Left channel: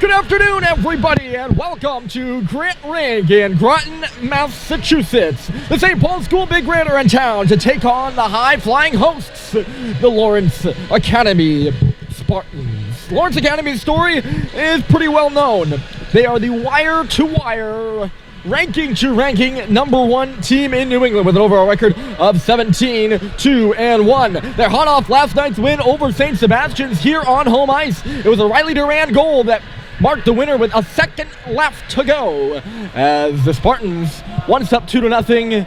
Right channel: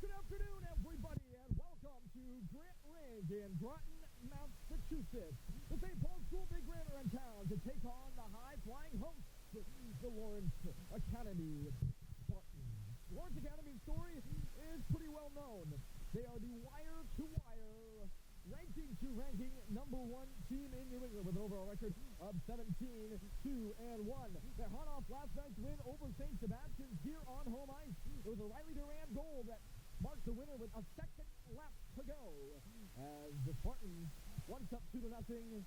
Good afternoon, everybody, and welcome to Rink in Groton, Massachusetts. The St. Paul School Big Red are in town to take on the high-flying hosts, the Lawrence Academy Spartans. Lawrence Academy's story is pretty well known. They are the wire-to-wire, ranking-to-ranking #1 team in New England with an overall record of 17-2-1. They're hot off last night's win over St. Sebastian's here on home ice. It was a Riley Duran goal that marked the winner with a second left to go as the Spartans, once up 2-0,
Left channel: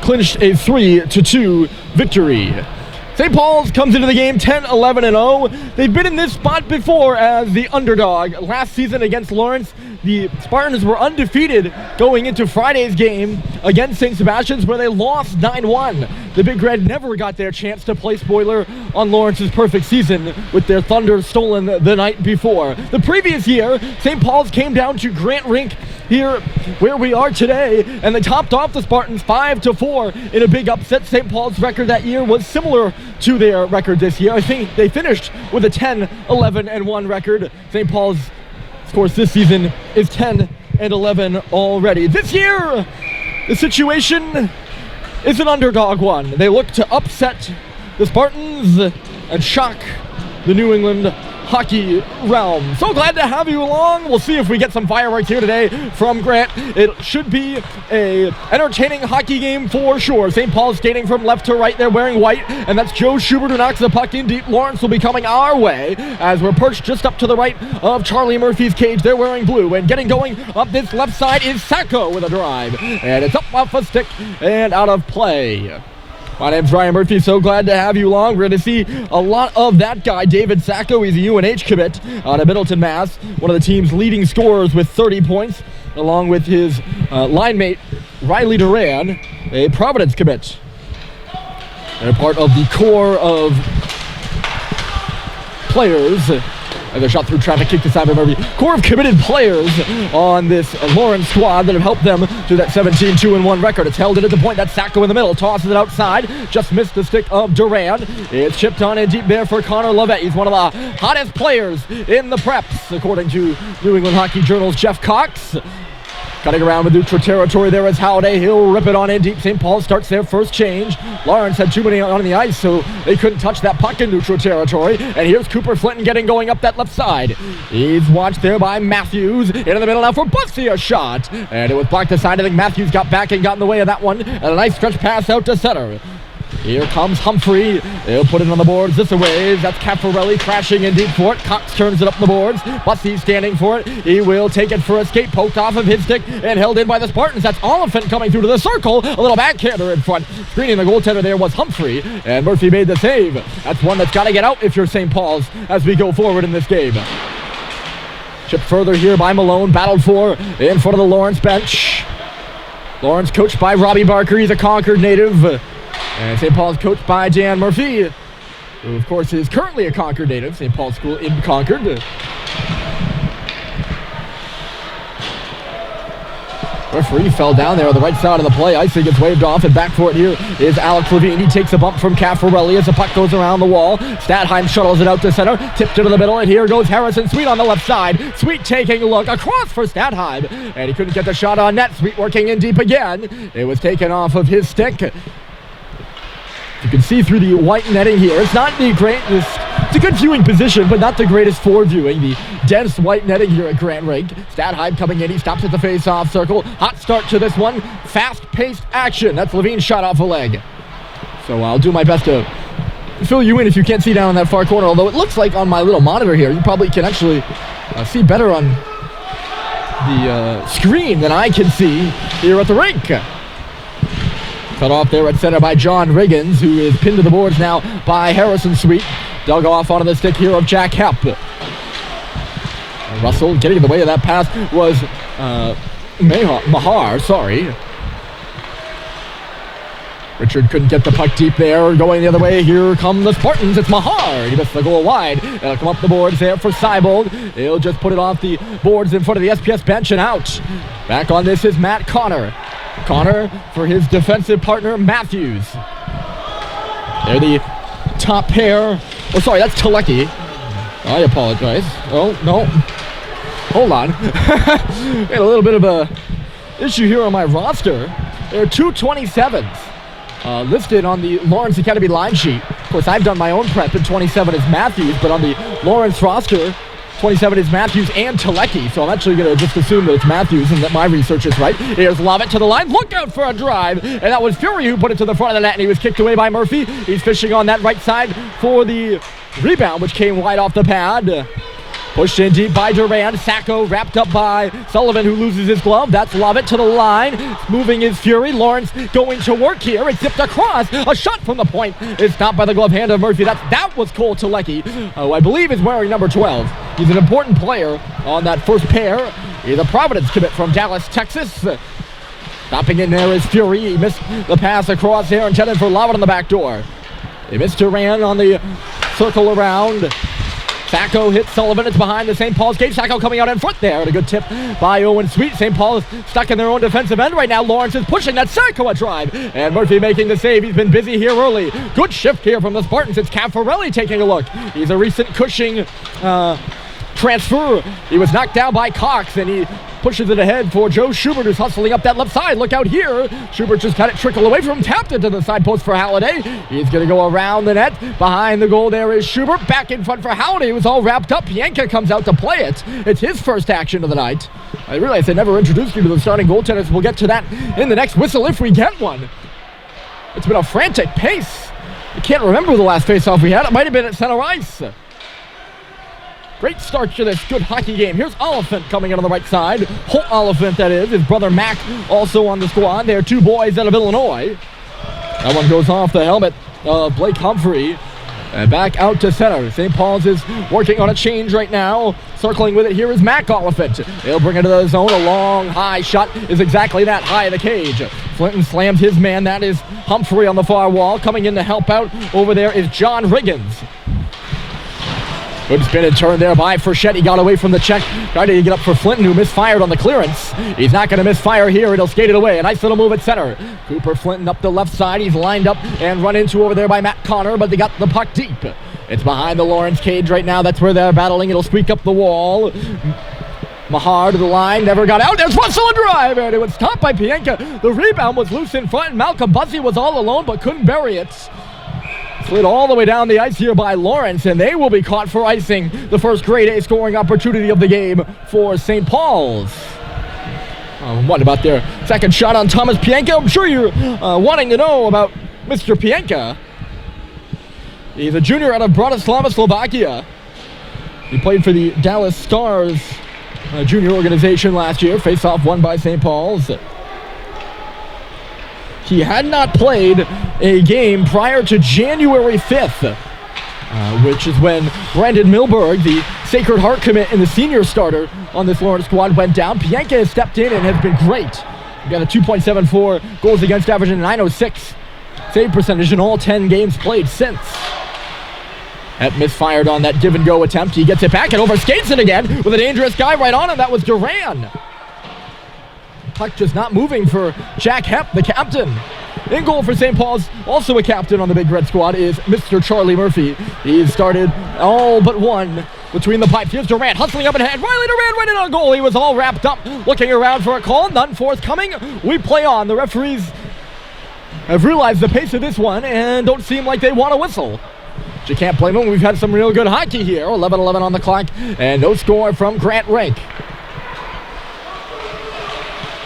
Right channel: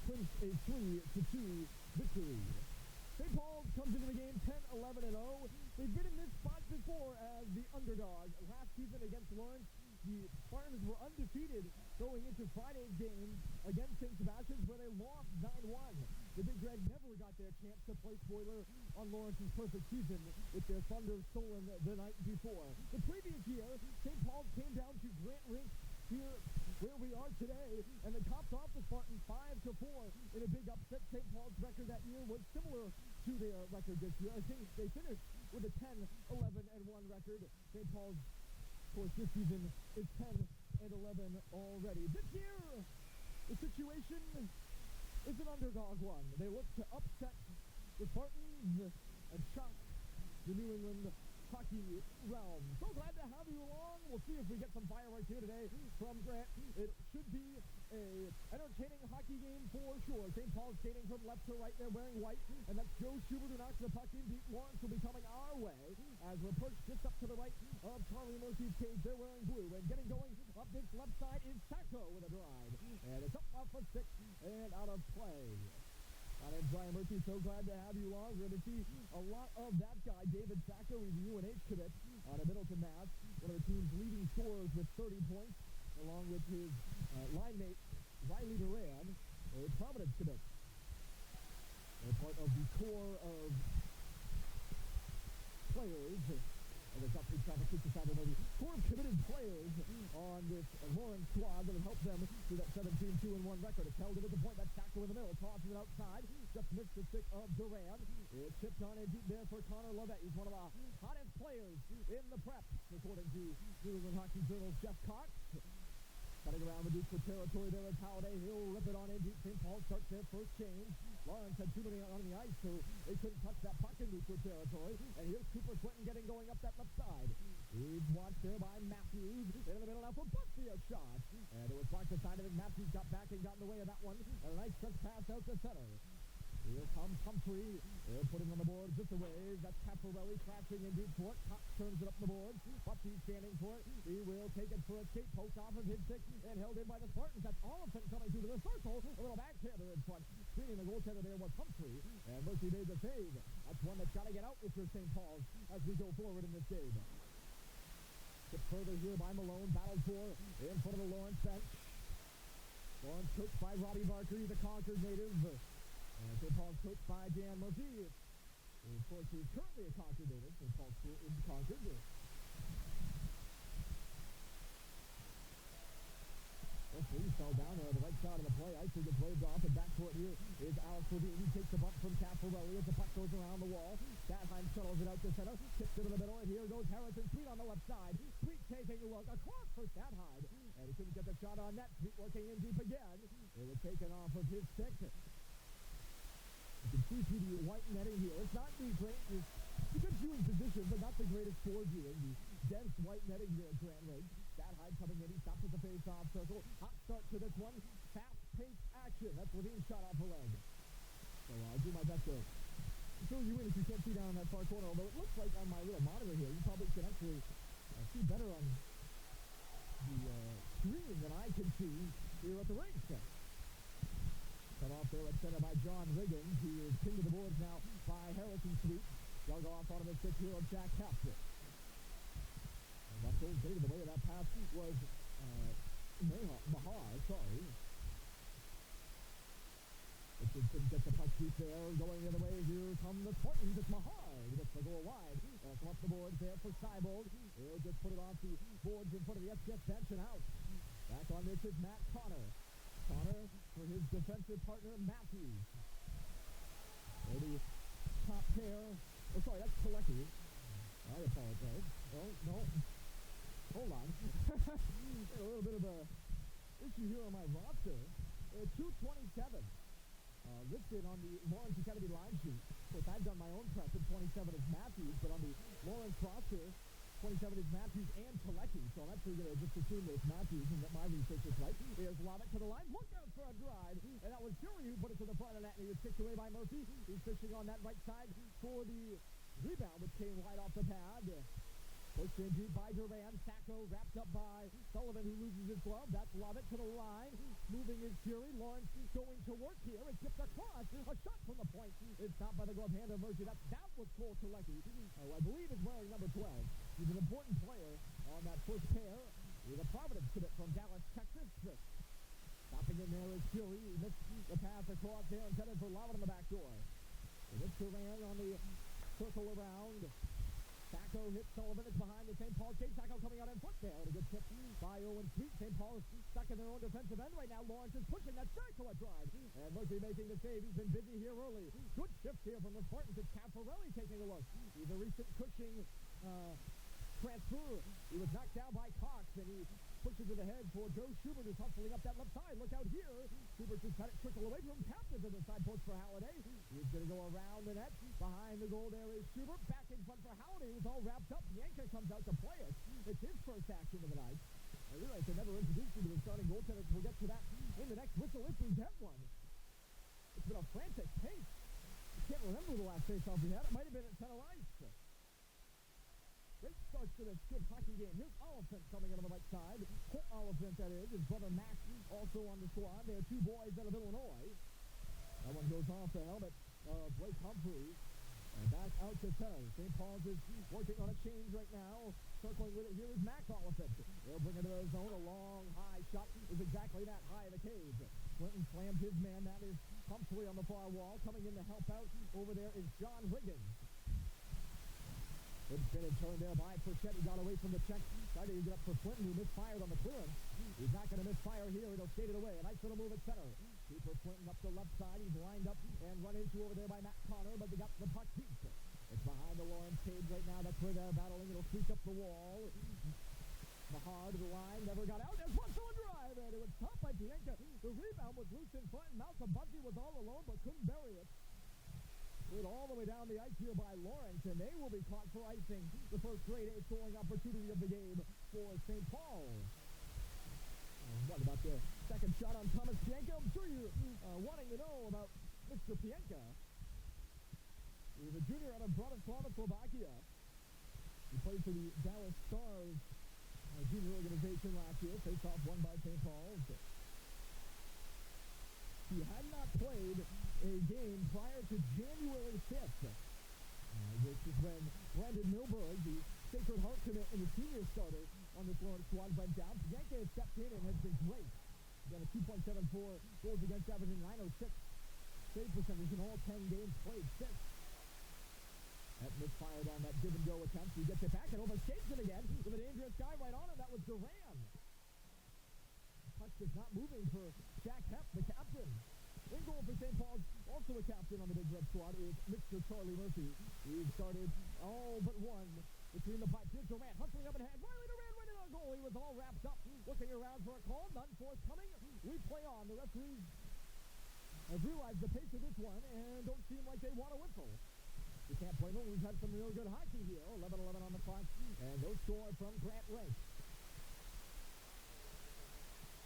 clinched a 3-2 victory. St. Paul's comes into the game 10-11-0. They've been in this spot before as the underdog. Last season against Lawrence, the Spartans were undefeated going into Friday's game against St. Sebastian's, where they lost 9-1. The Big Red never got their chance to play spoiler on Lawrence's perfect season with their thunder stolen the night before. The previous year, St. Paul's came down to Rink here where we are today, and they topped off the Spartans 5-4 in a big upset. St. Paul's record that year was similar to their record this year. I think they finished with a 10-11-1 record. St. Paul's, of course, this season is 10-11 already. This year, the situation is an underdog one. They look to upset the Spartans and shock the New England hockey realm. So glad to have you along. We'll see if we get some fireworks here today from Grant. It should be a entertaining hockey game for sure. St. Paul's skating from left to right. They're wearing white, and that's Joe Schubert who knocks the puck in deep. Lawrence will be coming our way as we're perched just up to the right of Charlie Murphy's cage. They're wearing blue, and getting going up this left side is Sacco with a drive, and it's up off a stick and out of play. My name's Ryan Murphy, so glad to have you along. We're going to see a lot of that guy, David Sacco. He's a UNH commit out of Middleton, Mass. One of the team's leading scorers with 30 points, along with his line mate, Riley Duran, a Providence commit. They're part of the core of players. And they're shot through traffic, kicked aside by Murphy. Core of committed players on this Lawrence squad that have helped them to that 17-2-1 record. It's held in at the point. That's Sacco in the middle. Tosses it outside. Just missed the stick of Duran. It's chipped on in deep there for Connor Lovett. He's one of the hottest players in the preps, according to New England Hockey Journal's Jeff Cox. Cutting around with neutral territory there is Howday. He'll rip it on in deep. St. Paul starts their first change. Lawrence had too many on the ice, so they couldn't touch that puck in neutral territory. And here's Cooper Flinton getting going up that left side. He's watched there by Matthews. In the middle now for Bussy, a shot. And it was blocked aside. I think Matthews got back and got in the way of that one. And a nice stretch pass out to center. Here comes Humphrey. He'll put it on the boards this way. That's Caffarelli crashing in deep for it. Cox turns it up the boards. Bussy standing for it. He will take it for a skate. Poked off of his stick and held in by the Spartans. That's Oliphant coming through to the circle. A little backhander in front. Screening the goaltender there was Humphrey. And Murphy made the save. That's one that's got to get out if you're St. Paul's as we go forward in this game. Chipped further here by Malone. Battled for in front of the Lawrence bench. Lawrence coached by Robbie Barker. He's a Concord native. And St. Paul's coached by Dan Murphy, who of course is currently a Concord native, St. Paul's School in Concord. Referee fell down there on the right side of the play. Icing gets waved off, and back for it here is Alex Levine. He takes a bump from Caffarelli as the puck goes around the wall. Statheim shuttles it out to center, tipped into the middle, and here goes Harrison Sweet on the left side. Sweet taking a look across for Statheim, and he couldn't get the shot on net. Sweet working in deep again. It was taken off of his stick. You can see through the white netting here. It's not the greatest, it's a good viewing position, but not the greatest for viewing. The dense white netting here at Grand Rink. Statheim coming in, he stops at the face-off circle. Hot start to this one. Fast-paced action. That's Levine's shot off a leg. So I'll do my best to fill you in if you can't see down in that far corner, although it looks like on my little monitor here, you probably can actually see better on the screen than I can see here at the rink. Cut off there at center by John Riggins, who is pinned to the boards now by Harrison Sweet. Dug off onto the stick here of Jack Hepp. Russell getting in the way of that pass was Mahar, sorry. Richard couldn't get the puck deep there. Going the other way, here come the Spartans. It's Mahar. He missed the goal wide. It'll come up the boards there for Seibold. He'll just put it off the boards in front of the SPS bench and out. Back on this is Matt Connor. Connor for his defensive partner, Matthews. They're the top pair. Oh, sorry, that's Telecki. I apologize. Oh, no. Hold on. Had a little bit of a issue here on my roster. There are two 27s listed on the Lawrence Academy line sheet. Of course, I've done my own prep, and 27 is Matthews, but on the Lawrence roster, 27 is Matthews and Telecki, so I'm actually going to just assume that it's Matthews and that my research is right. Here's Lovett to the line. Look out for a drive. And that was Fury who put it to the front of the net, and he was kicked away by Murphy. He's fishing on that right side for the rebound, which came wide off the pad. Pushed in deep by Duran. Sacco wrapped up by Sullivan, who loses his glove. That's Lovett to the line. Moving is Fury. Lawrence going to work here. It's zipped across. A shot from the point is stopped by the glove hand of Murphy. That was Cole Telecki, who I believe is wearing number 12. He's an important player on that first pair. He's a Providence commit from Dallas, Texas. Stopping in there is Fury. He missed the pass across here, intended for Lovett on the back door. They missed Duran on the circle around. Sacco hits Sullivan. It's behind the St. Paul's gate. Sacco coming out in front there. And a good tip by Owen Sweet. St. Paul is stuck in their own defensive end right now. Lawrence is pushing that Sacco a drive. And Murphy making the save. He's been busy here early. Good shift here from the Spartans. It's Caffarelli taking a look. He's a recent Cushing transfer. He was knocked down by Cox, and he pushes it ahead for Joe Schubert, who's hustling up that left side. Look out here. Schubert just had it trickle away from him, tapped into the side post for Halliday. He's going to go around the net. Behind the goal there is Schubert. Back in front for Halliday. It was all wrapped up. Pienka comes out to play it. It's his first action of the night. I realize I never introduced you to the starting goaltenders. We'll get to that in the next whistle if we get one. It's been a frantic pace. I can't remember the last face-off we had. It might have been at center ice. Great start to this good hockey game. Here's Oliphant coming in on the right side. Holt Oliphant, that is. His brother Mac also on the squad. They're two boys out of Illinois. That one goes off the helmet of Blake Humphrey. And back out to center. St. Paul's is working on a change right now. Circling with it here is Mac Oliphant. He'll bring it to the zone. A long, high shot is exactly that, high of the cage. Flinton slams his man. That is Humphrey on the far wall. Coming in to help out over there is John Riggins. Good spin and turn there by Frechette. He got away from the check. Tried to get up for Flinton, who misfired on the clearance. He's not going to misfire here. It'll skate it away. A nice little move at center. Cooper Flinton up the left side. He's lined up and run into over there by Matt Connor, but they got the puck deep. It's behind the Lawrence cage right now. That's where they're battling. It'll squeak up the wall. Mahar to the line, never got out. There's Russell a drive, and it was stopped by Pienka. The rebound was loose in front, and Malcolm Buzzy was all alone, but couldn't bury it. Slid all the way down the ice here by Lawrence, and they will be caught for icing the first grade A scoring opportunity of the game for St. Paul's. What about their second shot on Thomas Pienka? I'm sure you're wanting to know about Mr. Pienka. He's a junior out of Bratislava, Slovakia. He played for the Dallas Stars junior organization last year. Face-off won by St. Paul's. He had not played a game prior to January 5th, which is when Brandon Milberg, the Sacred Heart commit and the senior starter on this Lawrence squad, went down. Pienka has stepped in and has been great. He got a 2.74 goals against average and 906 save percentage in all 10 games played since. That misfired on that give-and-go attempt. He gets it back and overskates it again with a dangerous guy right on him. That was Duran. Puck just not moving for Jack Hepp, the captain. In goal for St. Paul's, also a captain on the Big Red squad, is Mr. Charlie Murphy. He's started all but one between the pipes. Here's Durant hustling up ahead. Riley Durant right in on goal. He was all wrapped up, looking around for a call. None forthcoming. We play on. The referees have realized the pace of this one and don't seem like they want to whistle. But you can't blame them. We've had some real good hockey here. 11-11 on the clock and no score from Grant Rink.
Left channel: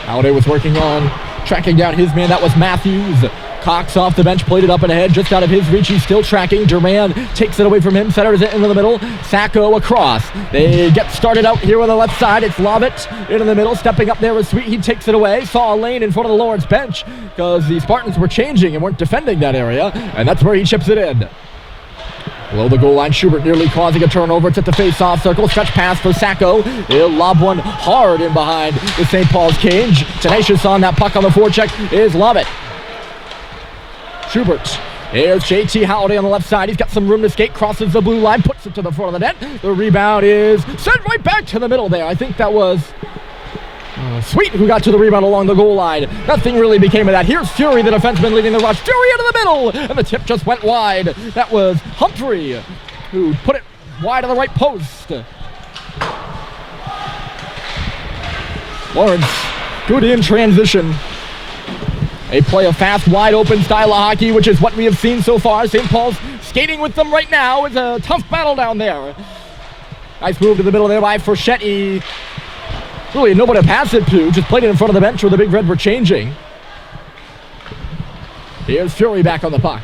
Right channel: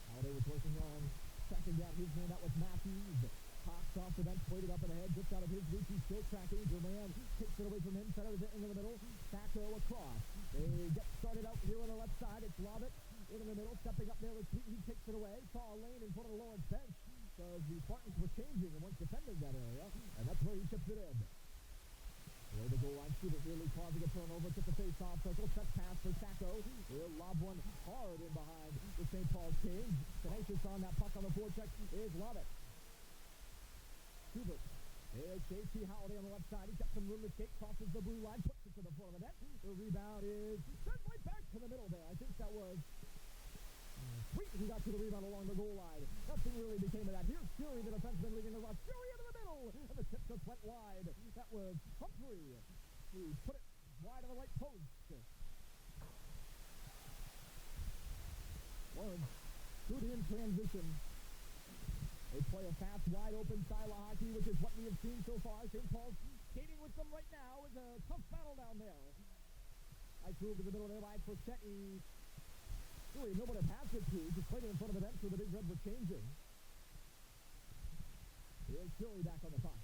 Halliday was working on tracking down his man. That was Matthews. Cox off the bench, played it up and ahead, just out of his reach. He's still tracking. Duran takes it away from him, centers it into the middle. Sacco across. They get started out here on the left side. It's Lovett into the middle. Stepping up there was Sweet. He takes it away. Saw a lane in front of the Lawrence bench because the Spartans were changing and weren't defending that area. And that's where he chips it in. Below the goal line, Schubert nearly causing a turnover. It's at the face-off circle. Stretch pass for Sacco. He'll lob one hard in behind the St. Paul's cage. Tenacious on that puck on the forecheck is Lovett. Schubert. Here's JT Halliday on the left side. He's got some room to skate. Crosses the blue line. Puts it to the front of the net. The rebound is sent right back to the middle there. I think that was Sweet who got to the rebound along the goal line. Nothing really became of that. Here's Fury, the defenseman, leading the rush. Fury into the middle, and the tip just went wide. That was Humphrey who put it wide of the right post. Lawrence, good in transition. They play a fast, wide-open style of hockey, which is what we have seen so far. St. Paul's skating with them right now. It's a tough battle down there. Nice move to the middle there by Forchetti. Really nobody to pass it to. Just played it in front of the bench where the Big Red were changing. Here's Fury back on the puck.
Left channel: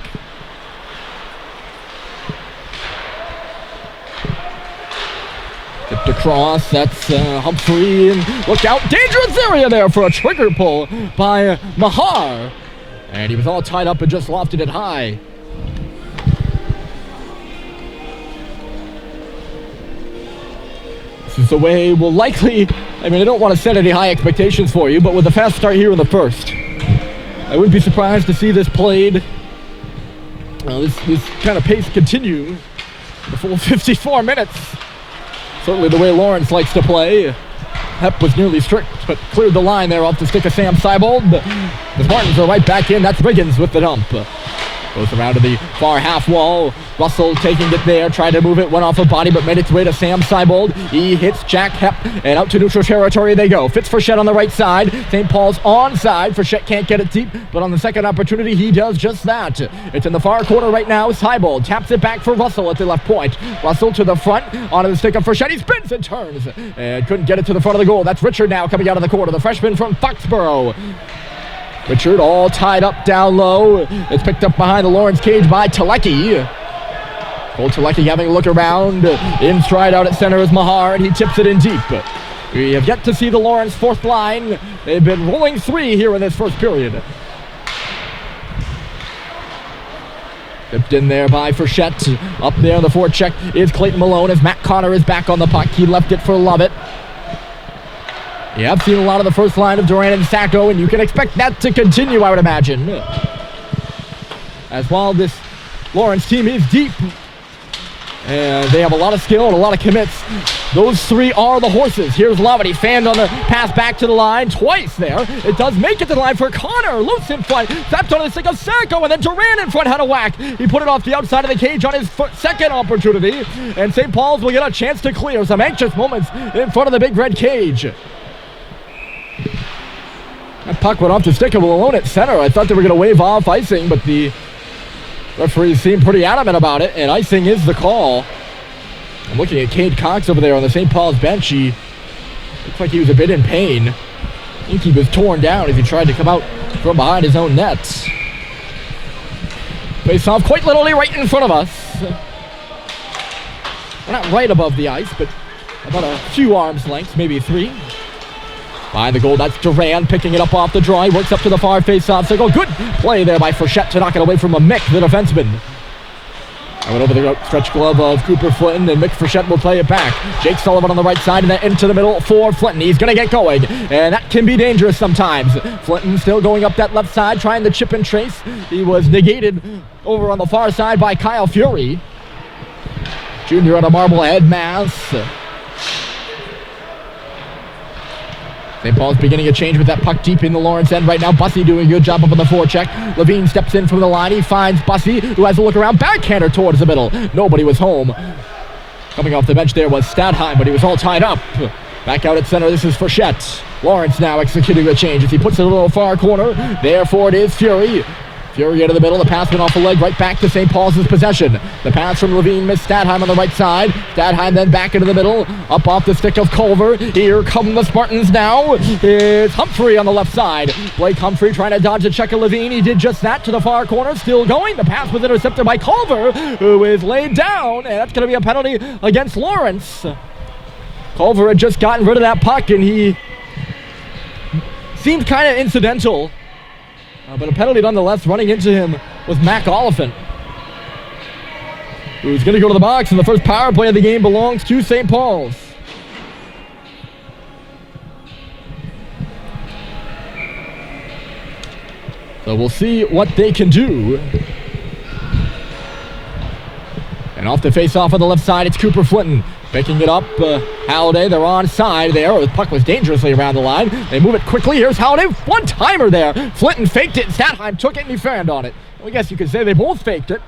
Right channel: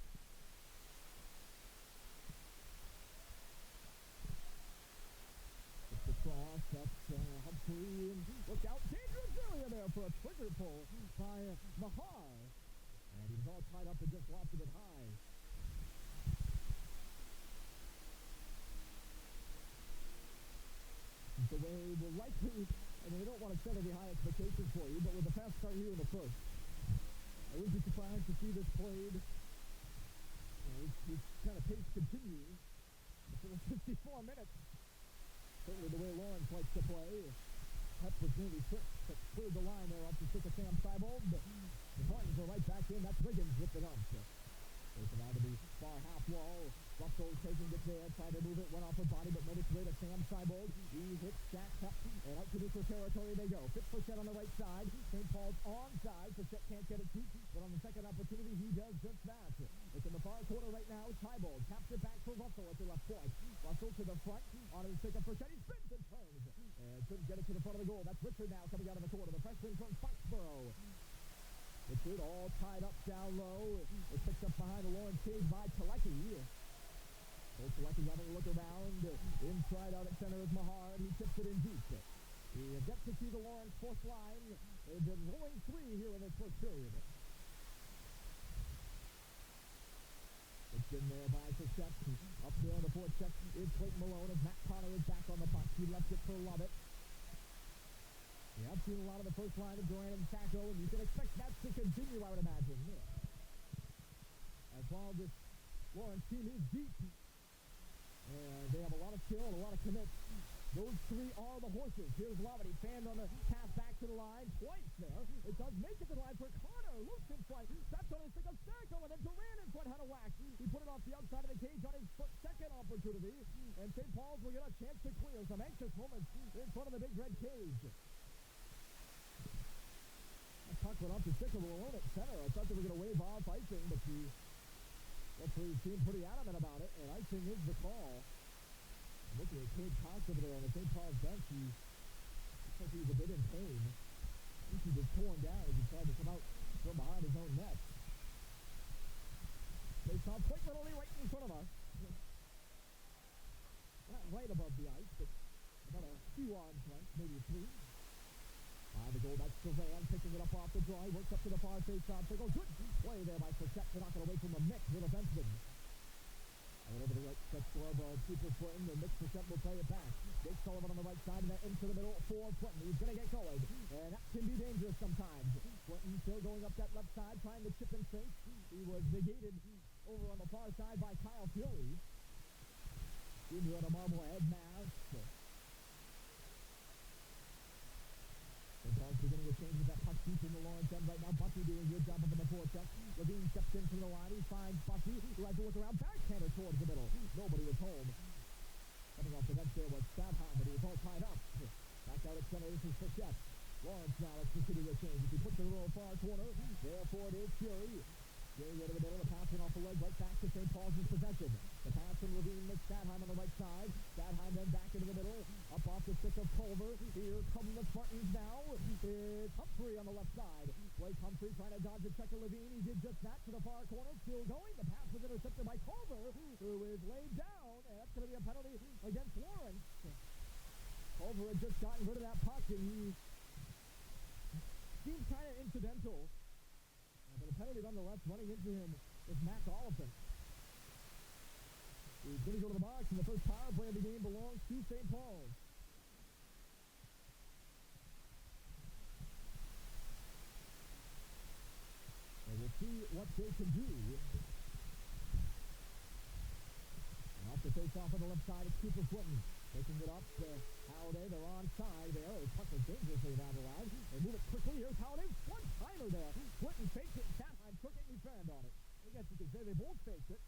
Tipped across, that's Humphrey, and look out, dangerous area there for a trigger pull by Mahar. And he was all tied up and just lofted it high. This is the way we'll likely, I don't want to set any high expectations for you, but with a fast start here in the first, I wouldn't be surprised to see this played, this kind of pace continue the full 54 minutes. Certainly the way Lawrence likes to play. Hep was nearly strict, but cleared the line there off the stick of Sam Seibold. The Spartans are right back in. That's Riggins with the dump. Goes around to the far half wall. Russell taking it there, tried to move it, went off a body, but made its way to Sam Seibold. He hits Jack Hep, and out to neutral territory they go. Fitz Frechette on the right side. St. Paul's onside. Frechette can't get it deep, but on the second opportunity, he does just that. It's in the far corner right now. Seibold taps it back for Russell at the left point. Russell to the front, onto the stick of Frechette. He spins and turns, and couldn't get it to the front of the goal. That's Richard now coming out of the corner, the freshman from Foxborough. Richard all tied up down low. It's picked up behind the Lawrence cage by Telecki. Cole Telecki having a look around. In stride out at center is Mahar, and he tips it in deep. We have yet to see the Lawrence fourth line. They've been rolling three here in this first period. Tipped in there by Frechette. Up there on the forecheck is Clayton Malone as Matt Connor is back on the puck. He left it for Lovett. Yeah, I've seen a lot of the first line of Duran and Sacco, and you can expect that to continue, I would imagine. As while this Lawrence team is deep, and they have a lot of skill and a lot of commits, those three are the horses. Here's Lovett. He fanned on the pass back to the line twice there. It does make it to the line for Connor. Loose in front. Zapped on the stick of Sacco, and then Duran in front had a whack. He put it off the outside of the cage on his second opportunity, and St. Paul's will get a chance to clear. Some anxious moments in front of the Big Red cage. That puck went off the stick of Malone at center. I thought they were going to wave off icing, but the referees seemed pretty adamant about it, and icing is the call. I'm looking at Cade Cox over there on the St. Paul's bench. He looks like he was a bit in pain. I think he was torn down as he tried to come out from behind his own nets. Face off quite literally right in front of us. We're not right above the ice, but about a few arms lengths, maybe three. Behind the goal, that's Duran picking it up off the draw. He works up to the far face-off circle. Good play there by Frechette to knock it away from a Mick, the defenseman. I went over the stretch glove of Cooper Flinton, and Mick Frechette will play it back. Jake Sullivan on the right side, and then into the middle for Flinton. He's going to get going, and that can be dangerous sometimes. Flinton still going up that left side, trying to chip and trace. He was negated over on the far side by Kyle Fury. Junior on a Marblehead mass. St. Paul's beginning a change with that puck deep in the Lawrence end right now. Bussey doing a good job up on the forecheck. Levine steps in from the line. He finds Bussey, who has a look around. Backhander towards the middle. Nobody was home. Coming off the bench there was Stadheim, but he was all tied up. Back out at center, this is Frechette. Lawrence now executing a change as he puts it a little far corner. Therefore it is Fury. Fury into the middle. The pass went off the leg right back to St. Paul's possession. The pass from Levine missed Stadheim on the right side. Stadheim then back into the middle. Up off the stick of Culver. Here come the Spartans now. It's Humphrey on the left side. Blake Humphrey trying to dodge the check of Levine. He did just that to the far corner. Still going. The pass was intercepted by Culver, who is laid down. And that's going to be a penalty against Lawrence. Culver had just gotten rid of that puck, and he seemed kind of incidental. But a penalty nonetheless. Running into him was Mac Oliphant, who's going to go to the box, and the first power play of the game belongs to St. Paul's. So we'll see what they can do. And off the face-off on the left side, it's Cooper Flinton. Picking it up, Halliday, they're on side there. The puck was dangerously around the line. They move it quickly. Here's Halliday, one-timer there. Flinton faked it, Stadheim took it, and he fanned on it. I guess you could say they both faked it.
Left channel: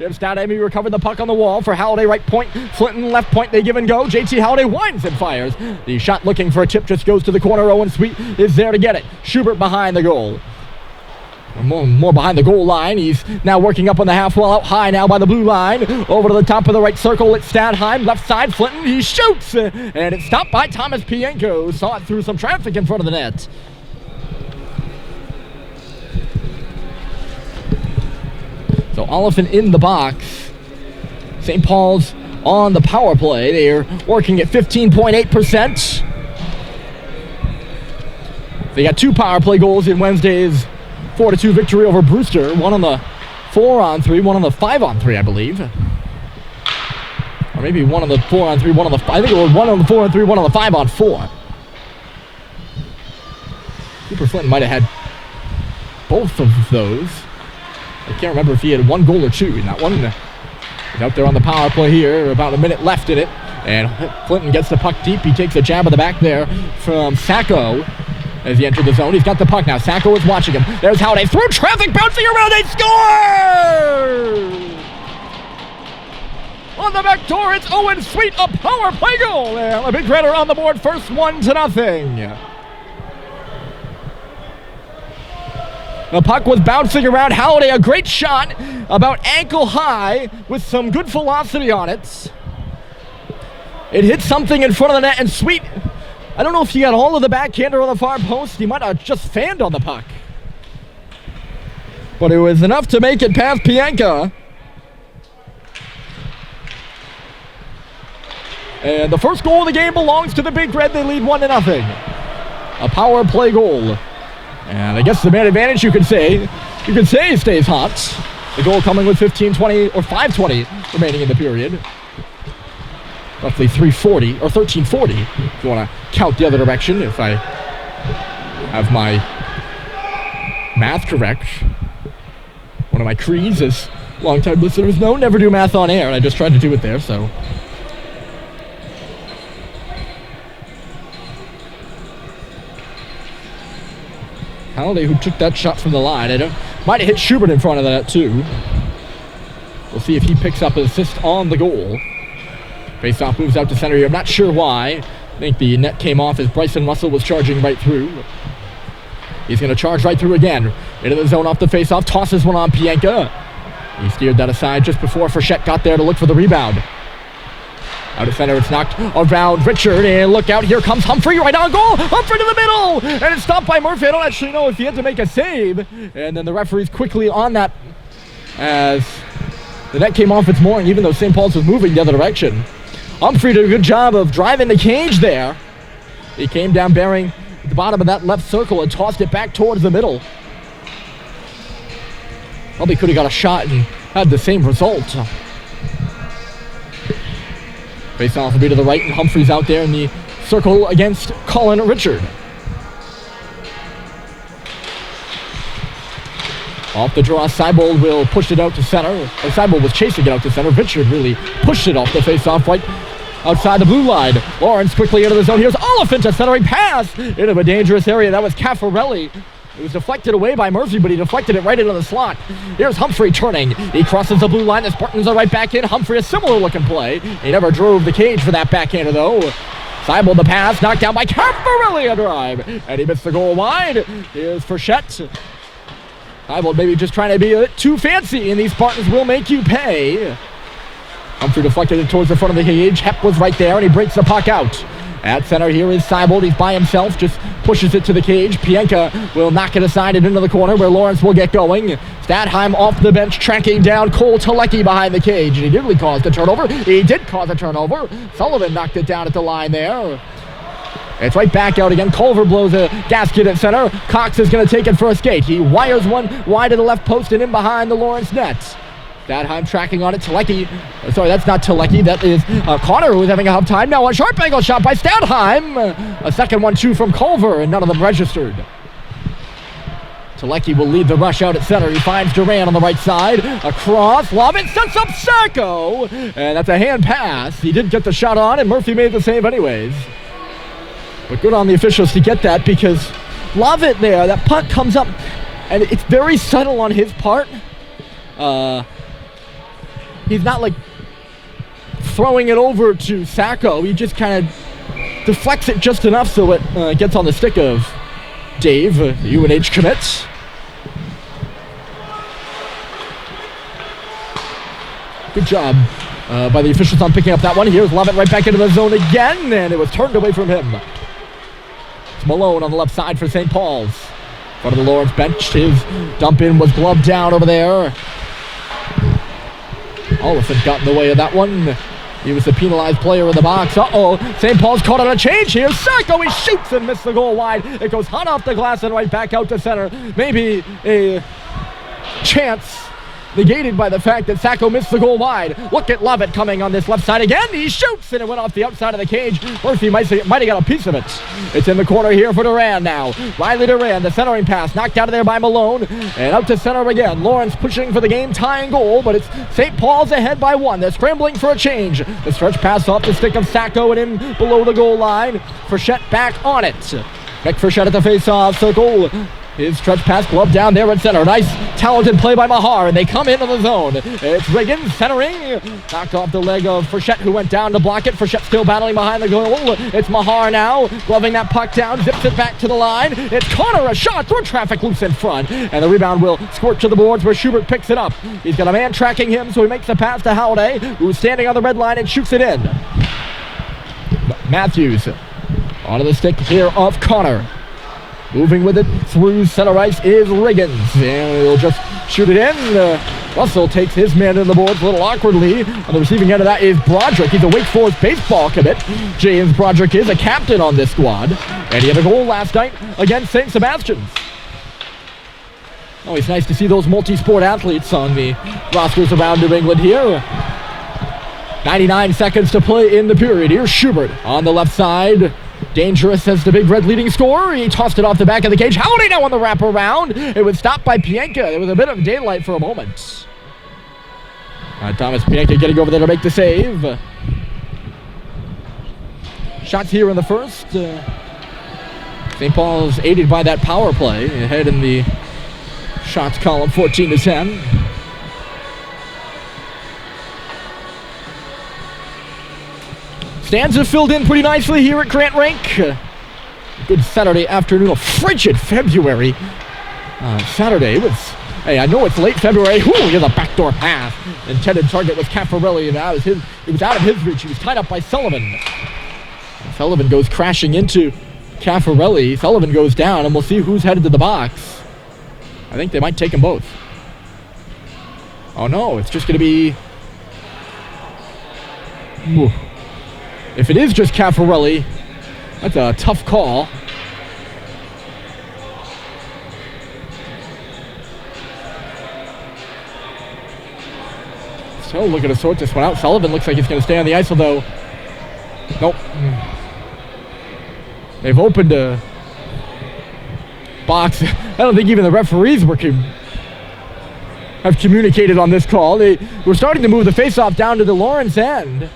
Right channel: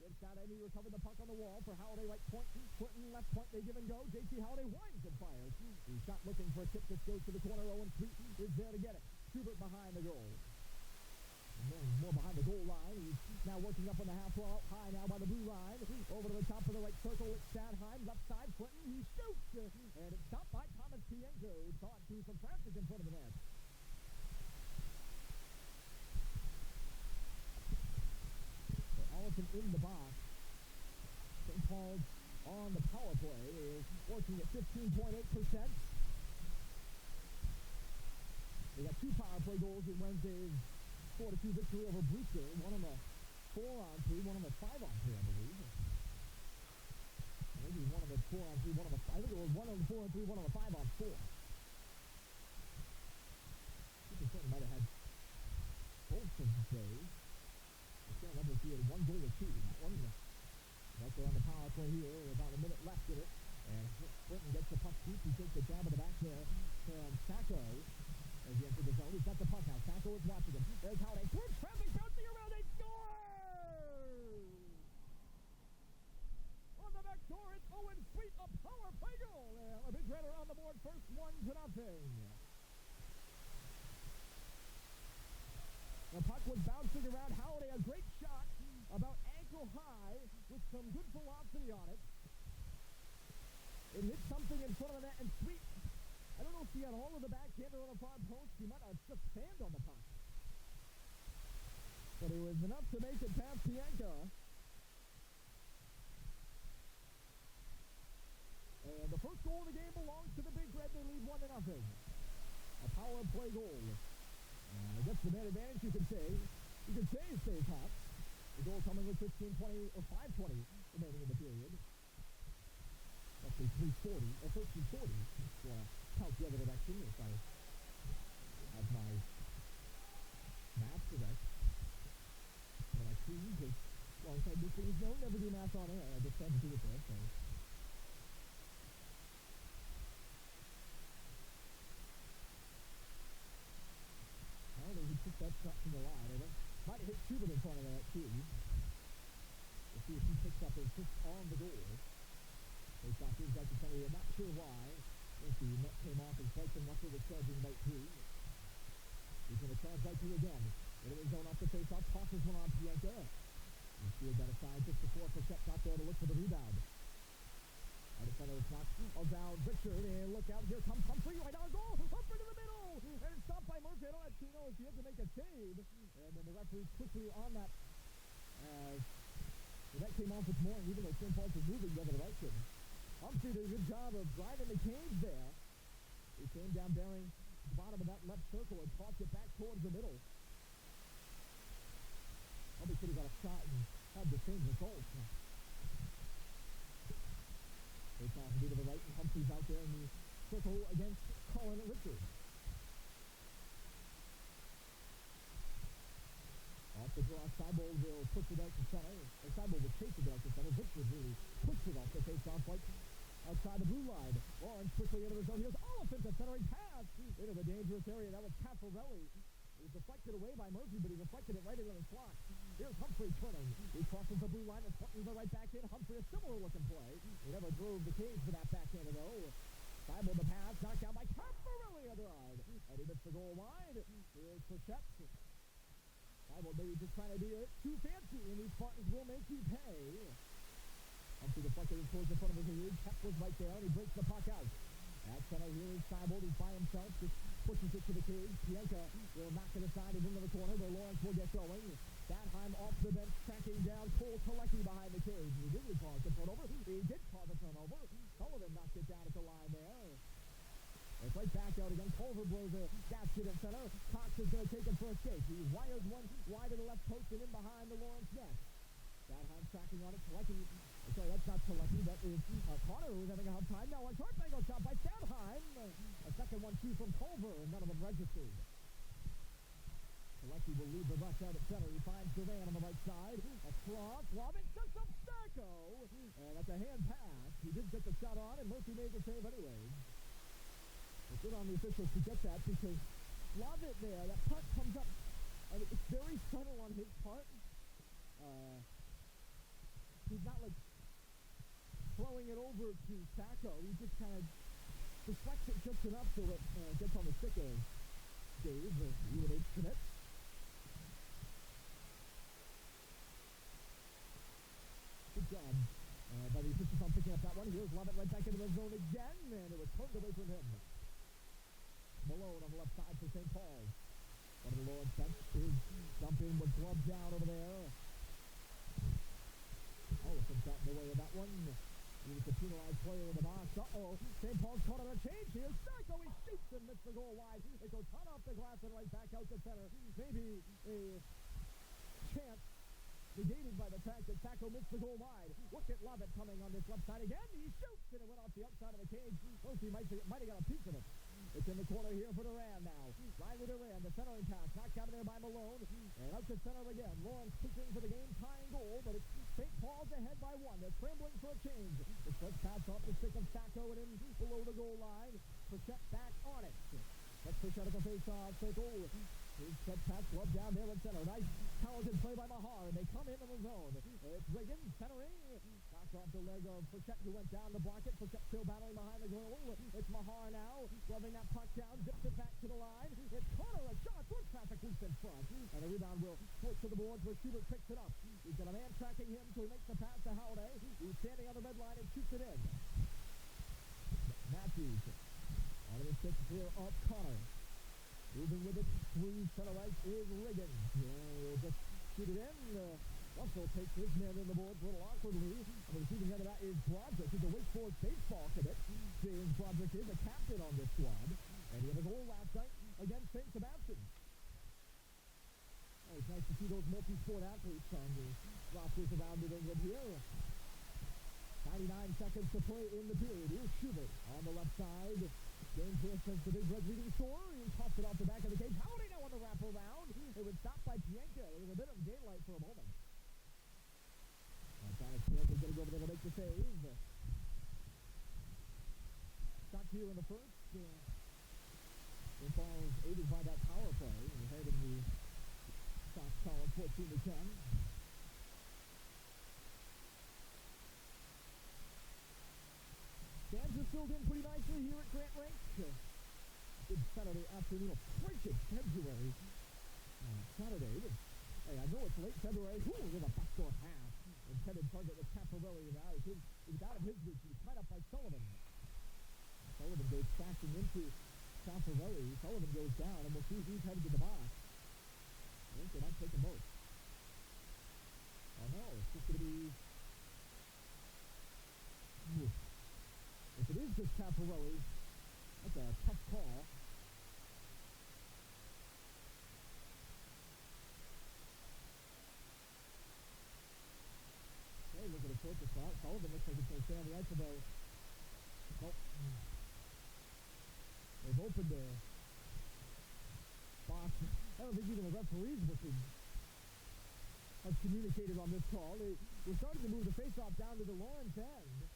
Instead, Amy recovered the puck on the wall for Halliday right point. Flinton left point, they give and go. JT Halliday winds and fires. The shot looking for a tip just goes to the corner. Owen Sweet is there to get it. Schubert behind the goal. More behind the goal line. He's now working up on the half wall, out high now by the blue line. Over to the top of the right circle. It's Stadheim. Left side, Flinton. He shoots. And it's stopped by Thomas Pienko. Saw it through some traffic in front of the net. So Oliphant in the box. St. Paul's on the power play. They are working at 15.8%. They got 2 power play goals in Wednesday's 4-2 victory over Brewster. One on the 4-on-3, one on the 5-on-3, I believe. Or maybe one on the 4-on-3, one on the... I think it was one on the 4-on-3, one on the 5-on-4. Cooper Flinton might have had both of those. I can't remember if he had 1 goal or 2 in that one. He's out there on the power play here. About a minute left in it. And Flinton gets the puck deep. He takes a jab of the back there from Sacco. As he entered the zone, he's got the puck now. Sacco is watching him. There's Halliday through traffic, bouncing around. They score! On the back door, it's Owen Sweet, a power play goal. And a big redder on the board, first 1-0. The puck was bouncing around. Halliday, a great shot, about ankle high, with some good velocity on it. It hit something in front of the net, and Sweet, I don't know if he got all of the backhander on the far post. He might have just fanned on the puck. But it was enough to make it past Pienka. And the first goal of the game belongs to the Big Red. They lead 1-0. A power play goal. And I guess the man advantage, you could say stays hot. The goal coming with 15:20 or 5:20 remaining in the period. Roughly 3:40 or 13:40 if you want to count the other direction, if I have my math correct. One of my creeds, as longtime listeners know, never do math on air, and I just tried to do it there, so. Halliday, who took that shot from the line, might have hit Schubert in front of that too. We'll see if he picks up an assist on the goal. Faceoff moves out to center here. I'm not sure why. I think the net came off as Bryson Russell was charging right through. He's going to charge right through again. Into the zone off the faceoff. Tosses one on Pienka. He steered that aside just before Frechette got there to look for the rebound. Out of center, it's knocked around Richard. And look out, here comes Humphrey right on goal. Humphrey to the middle. And it's stopped by Murphy. I don't actually know if he had to make a save. And then the referee's quickly on that as the net came off its mooring, even though St. Paul's was moving the other direction. Humphrey did a good job of driving the cage there. He came down bearing at the bottom of that left circle and tossed it back towards the middle. Probably could have got a shot and had the same result. Face off will be to the right, and Humphrey's out there in the circle against Colin Richard. Off the draw, Seibold will push it out to center. Seibold was chasing it out to center. Richard really pushed it off the face-off right outside the blue line. Lawrence quickly into the zone. Here's Oliphant, a centering pass into a dangerous area. That was Caffarelli. It was deflected away by Murphy, but he deflected it right into the slot. Here's Humphrey turning. He crosses the blue line. The Spartans are right back in. Humphrey, a similar looking play. He never drove the cage for that backhander, though. Seibold the pass, knocked down by Caffarelli, a drive. And he missed the goal wide. Here's Frechette. Seibold maybe just trying to be a bit too fancy, and these Spartans will make you pay. Humphrey deflected it towards the front of the cage. Hepp was right there, and he breaks the puck out. At center here is Seibold. He's by himself, just pushes it to the cage. Pienka will knock it aside and into the corner where Lawrence will get going. Stadheim off the bench, tracking down Cole Telecki behind the cage, and he nearly caused a turnover. He did cause a turnover. Sullivan knocked it down at the line there. It's right back out again. Culver blows a gasket at center. Cox is going to take it for a skate. He wires one wide to the left post and in behind the Lawrence net. Stadheim tracking on it. Telecki. Sorry, that's not Telecki. That is Connor, who's having a hard time. Now a sharp angle shot by Stadheim. A second 1-2 from Culver, and none of them registered. Telecki will lead the rush out at center. He finds Duran on the right side. Across. Lovett sets up Sacco. And that's a hand pass. He did get the shot on, and Murphy made the save anyways. But good on the officials to get that, because Lovett there, that puck comes up And it's very subtle on his part. He's not like throwing it over to Sacco. He just kind of deflects it just enough so it gets on the stick of Dave, the UNH commit. Good job by the officials on picking up that one. Here's Lovett right back into the zone again, and it was turned away from him. It's Malone on the left side for St. Paul's. In front of the Lawrence bench, his dump in was gloved down over there. Oliphant got in the way of that one. He was the penalized player in the box. St. Paul's caught on a change here. Sacco, he shoots and missed the goal wide. It goes hot off the glass and right back out to center. Maybe a chance negated by the fact that Sacco missed the goal wide. Look at Lovett coming on this left side again. He shoots and it went off the outside of the cage. Murphy might have got a piece of it. It's in the corner here for Duran now. Riley Duran, the centering pass, knocked out of there by Malone. And out to center again. Lawrence pushing for the game-tying goal, but it's St. Paul's ahead by one. They're scrambling for a change. The stretch pass off the stick of Sacco and in below the goal line. Frechette back on it. Beck Frechette at the face-off circle. His stretch pass gloved down there at center. Nice, talented play by Mahar, and they come into the zone. It's Riggins centering. Knocked off the leg of Frechette, who went down to block it. Frechette still battling behind the goal. It's Mahar now, gloving that puck down, zips it back to the line. It's Connor, a shot through traffic loose in front. And the rebound will squirt to the boards where Schubert picks it up. He's got a man tracking him, so he makes the pass to Halliday, who's standing on the red line and shoots it in. Matthews onto the stick here of Connor. Moving with it through center ice is Riggins, and he'll just shoot it in. Russell takes his man to the boards a little awkwardly. On the receiving end of that is Broderick. He's a Wake Forest baseball commit. James Broderick is a captain on this squad, and he had a goal last night against St. Sebastian's. Always nice to see those multi-sport athletes on the rosters around New England here. 99 seconds to play in the period. Here's Schubert on the left side. Dangerous as the Big Red leading scorer. He tossed it off the back of the cage. Halliday now on the wraparound. It was stopped by Pienka. There was a bit of daylight for a moment. Thomas Pienka getting over there to make the save. Shots here in the first. St. Paul's aided by that power play. Ahead in the shots column, 14-10. Stands have filled in pretty nicely here at Grant Rink. Good Saturday afternoon, a frigid February. Saturday, it was, hey, I know it's late February. Ooh, here's a backdoor pass. Intended target was Caffarelli, and it was out of his reach. He was tied up by Sullivan. Sullivan goes crashing into Caffarelli. Sullivan goes down, and we'll see who's headed to the box. I think they might take them both. Oh no, it's just going to be... Ooh. If it is just Caffarelli, that's a tough call. So looking to sort this one out. Sullivan looks like he's going to stay on the ice, although... Nope. They've opened a box. I don't think even the referees have communicated on this call. They were starting to move the faceoff down to the Lawrence end.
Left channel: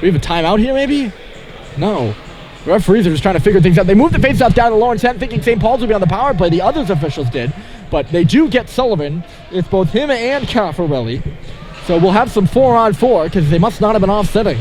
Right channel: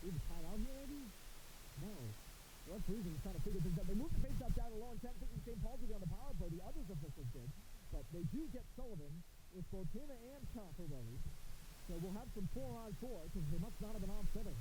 We have a timeout here, maybe? No. The referees are just trying to figure things out. They moved the faceoff down to Lawrence end, thinking St. Paul's would be on the power play. The others officials did, but they do get Sullivan. It's both him and Caffarelli. So we'll have some 4-on-4 because they must not have been offsetting.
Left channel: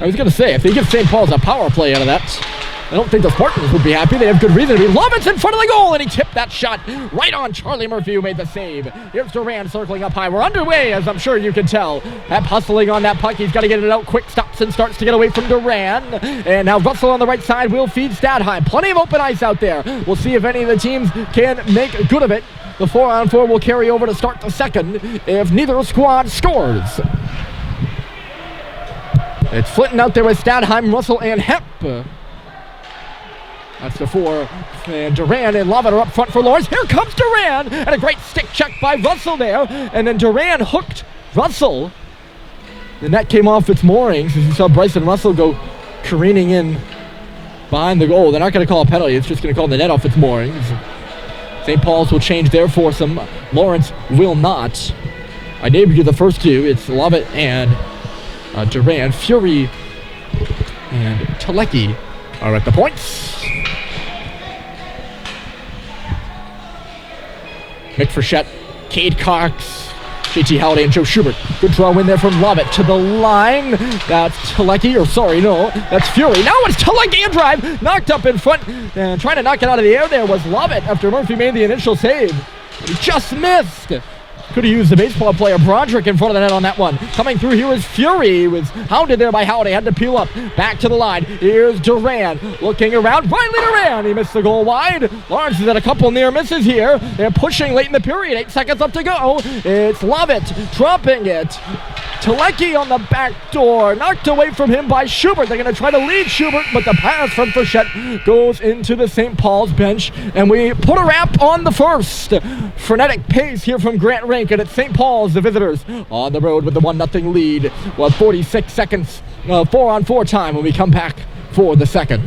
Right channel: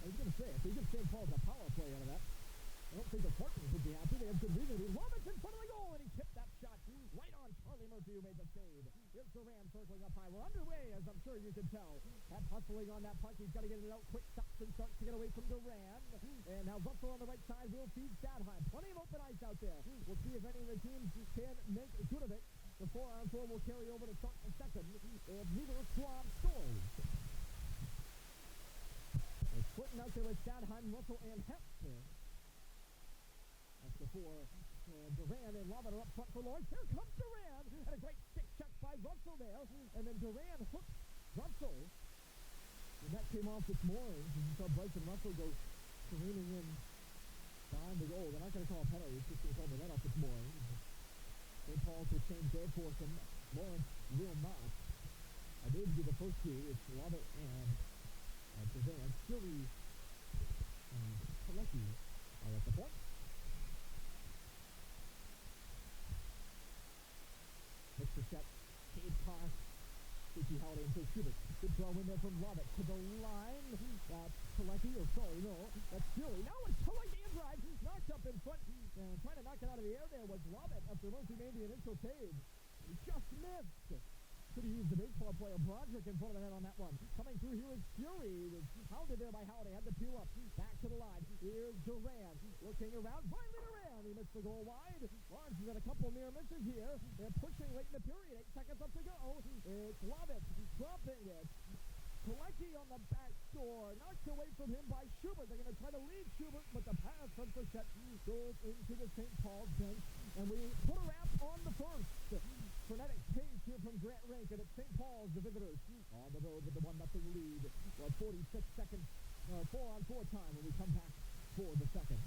I was going to say, if they give St. Paul's a power play out of that, I don't think the Spartans would be happy. They have good reason to be. Lovett's in front of the goal, and he tipped that shot right on Charlie Murphy, who made the save. Here's Duran circling up high. We're underway, as I'm sure you can tell. Hep hustling on that puck. He's got to get it out quick. Stops and starts to get away from Duran. And now Russell on the right side will feed Stadheim. Plenty of open ice out there. We'll see if any of the teams can make good of it. The 4-on-4 will carry over to start the second if neither squad scores. It's Flinton out there with Stadheim, Russell, and Hep. That's the 4, and Duran and Lovett are up front for Lawrence. Here comes Duran, and a great stick check by Russell there, and then Duran hooked Russell. The net came off its moorings as you saw Bryson Russell go careening in behind the goal. They're not going to call a penalty, it's just going to call the net off its moorings. St. Paul's will change their foursome. Lawrence will not. I named you the first two. It's Lovett and Duran. Fury and Telecki are at the points. Mick Frechette, Cade Cox, JT Halliday, and Joe Schubert. Good draw in there from Lovett to the line. That's Telecki, that's Fury. Now it's Telecki and drive. Knocked up in front and trying to knock it out of the air there was Lovett after Murphy made the initial save. He just missed. Could have used the baseball player Broderick in front of the net on that one. Coming through here is Fury. Was hounded there by Halliday. Had to peel up. Back to the line. Here's Duran. Looking around. Riley Duran. He missed the goal wide. Lawrence has had a couple near misses here. They're pushing late in the period. 8 seconds up to go. It's Lovett dropping it. Telecki on the back door. Knocked away from him by Schubert. They're going to try to lead Schubert, but the pass from Frechette goes into the St. Paul's bench. And we put a wrap on the first. Frenetic pace here from Grant Rink, and it's St. Paul's, the visitors, on the road with the 1-0 lead. Well, 46 seconds, 4-on-4 time when we come back for the second.